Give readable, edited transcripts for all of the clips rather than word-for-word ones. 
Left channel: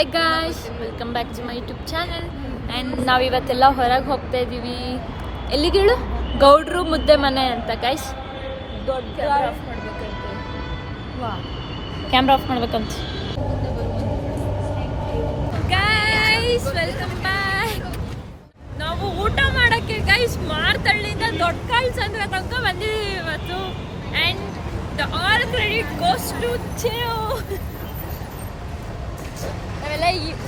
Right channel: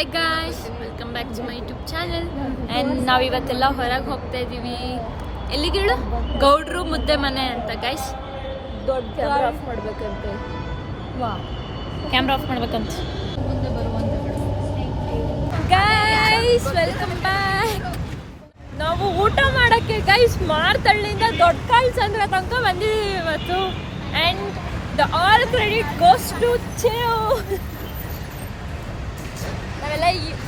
Hey guys, welcome back to my YouTube channel. And ನಾವಿವತ್ತೆಲ್ಲ ಹೊರಗೆ ಹೋಗ್ತಾ ಇದ್ದೀವಿ. ಎಲ್ಲಿಗೇಳು? ಗೌಡ್ರು ಮುದ್ದೆ ಮನೆ ಅಂತ ಗೈಸ್. ದೊಡ್ಡ ಕ್ಯಾಮ್ರಾ ಆಫ್ ಮಾಡ್ಬೇಕಂತ. Guys welcome back. ನಾವು ಊಟ ಮಾಡೋಕ್ಕೆ ಗೈಸ್ ಮಾರ್ತಳ್ಳಿಯಿಂದ ದೊಡ್ಡ ಕಾಲ್ಸಂದ್ರ ತನಕ ಬಂದಿದ್ದೀವಿ ಇವತ್ತು. And the all credit goes to Chiru.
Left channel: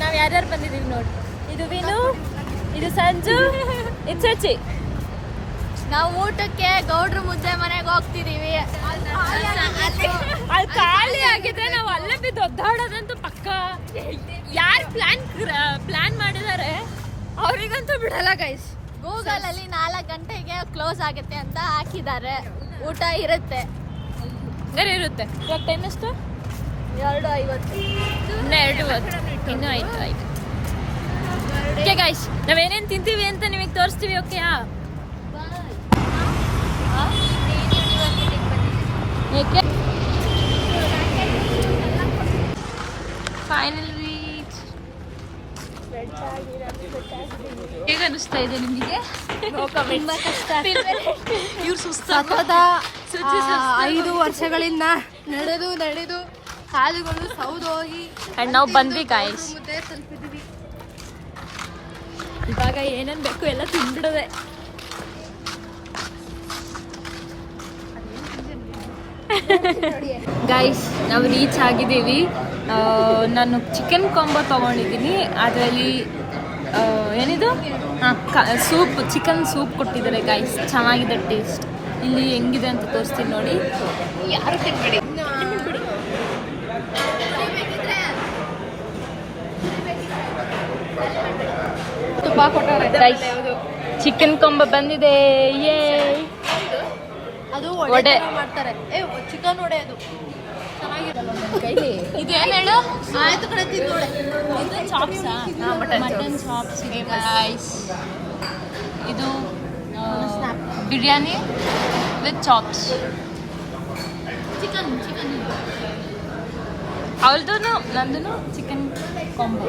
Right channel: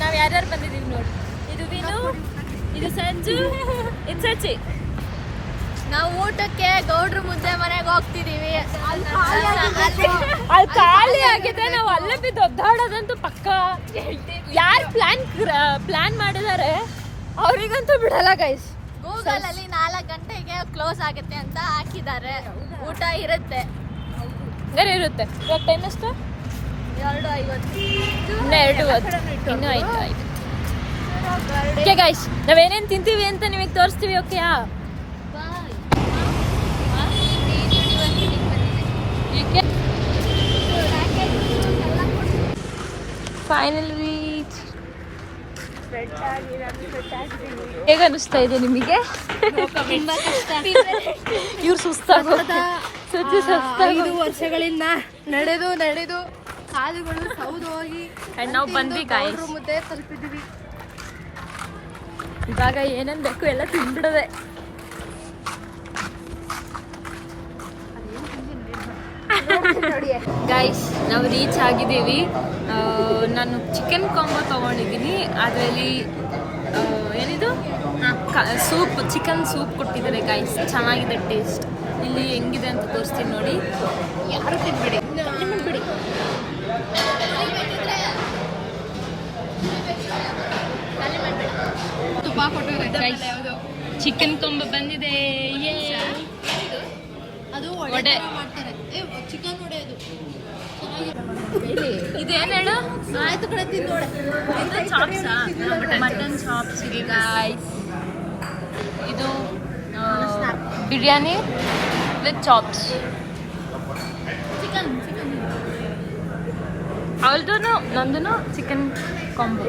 ನಾವ್ ಯಾರ್ಯಾರು ಬಂದಿದೀವಿ ನೋಡಿ. ಇದು ವಿನು, ಇದು ಸಂಜು, ಇದು ಸಚಿ. ನಾವು ಊಟಕ್ಕೆ ಗೌಡ್ರು ಮುದ್ದೆ ಮನೆಗೆ ಹೋಗ್ತಿದೀವಿ. ಅಲ್ಲಿ ಖಾಲಿ ಆಗಿದೆ. ನಾವು ಅಲ್ಲೇ ಬಿದ್ದು ಒದ್ದಾಡೋದಂತೂ ಪಕ್ಕ. ಯಾರು ಪ್ಲಾನ್ ಮಾಡಿದ್ದಾರೆ ಅವ್ರಿಗಂತೂ ಬಿಡಲ್ಲ ಗೈಸ್. ಗೂಗಲ್ ಅಲ್ಲಿ 4 ಗಂಟೆಗೆ ಕ್ಲೋಸ್ ಆಗುತ್ತೆ ಅಂತ ಹಾಕಿದ್ದಾರೆ. ಊಟ ಇರುತ್ತೆ ಇರುತ್ತೆ. ಇವಾಗ ಟೈಮ್ ಎಷ್ಟು? 2:50. ಇನ್ನು 2:10. ಇನ್ನೂ ಆಯ್ತು. ಓಕೆ ಗೈಸ್, ನಾವೇನೇನು ತಿಂತೀವಿ ಅಂತ ನಿಮಗೆ ತೋರಿಸ್ತೀವಿ. ಓಕೆಯಾ? Final reach. ಹೇಗೆ ಅನಿಸ್ತಾ ಇದೆ ನಿಮಗೆ? ತುಂಬಾ ಕಷ್ಟ. ಇವ್ರು ಸುಸ್ತಾಗೋದ. 5 ವರ್ಷಗಳಿಂದ ನಡೆದು ಕಾಲುಗಳು ಸೌದೋಗಿ ಅಂಡ್ ನಾವು ಬಂದ್ವಿ ಗಾಯ್ಸ್. ಮುದ್ದೆ ತಲುಪಿದ್ವಿ. ಇವಾಗ ಏನೇನ್ ಬೇಕು ಎಲ್ಲ ತಿಂದ್ಬಿಡದೆ. ಗೈಸ್, ನಾವು ರೀಚ್ ಆಗಿದ್ದೀವಿ. ನಾನು ಚಿಕನ್ ಕಾಂಬೋ ತೊಗೊಂಡಿದ್ದೀನಿ. ಅದರಲ್ಲಿ ಏನಿದು ಸೂಪ್, ಚಿಕನ್ ಸೂಪ್ ಕೊಟ್ಟಿದ್ದಾರೆ ಗೈಸ್. ಚೆನ್ನಾಗಿದೆ ಟೇಸ್ಟ್. ಇಲ್ಲಿ ಹೆಂಗಿದೆ ಅಂತ ತೋರಿಸ್ತೀನಿ ನೋಡಿ. ಯಾರು ತಿನ್ಬೇಡಿ. ಚಿಕನ್ ಕೊಂಬ ಬಂದಿದೆ. ಅದು ವಡೆ ಮಾಡ್ತಾರೆ. ಚಿಕನ್ ವಡೆ ಅದು ಇದೇನು ಹೇಳು? ಆಯ್ತು ಕಡೆ ತಿಂದೋಳೆ. ಮಟನ್ ಚಾಪ್ಸ್ ಇದೆ ಗೈಸ್. ಇದು ಬಿರಿಯಾನಿ ವಿತ್ ಚಾಪ್ಸ್. ಚಿಕನ್ ಅವಳದು ನಂದು ಚಿಕನ್ ಕಾಂಬೋ.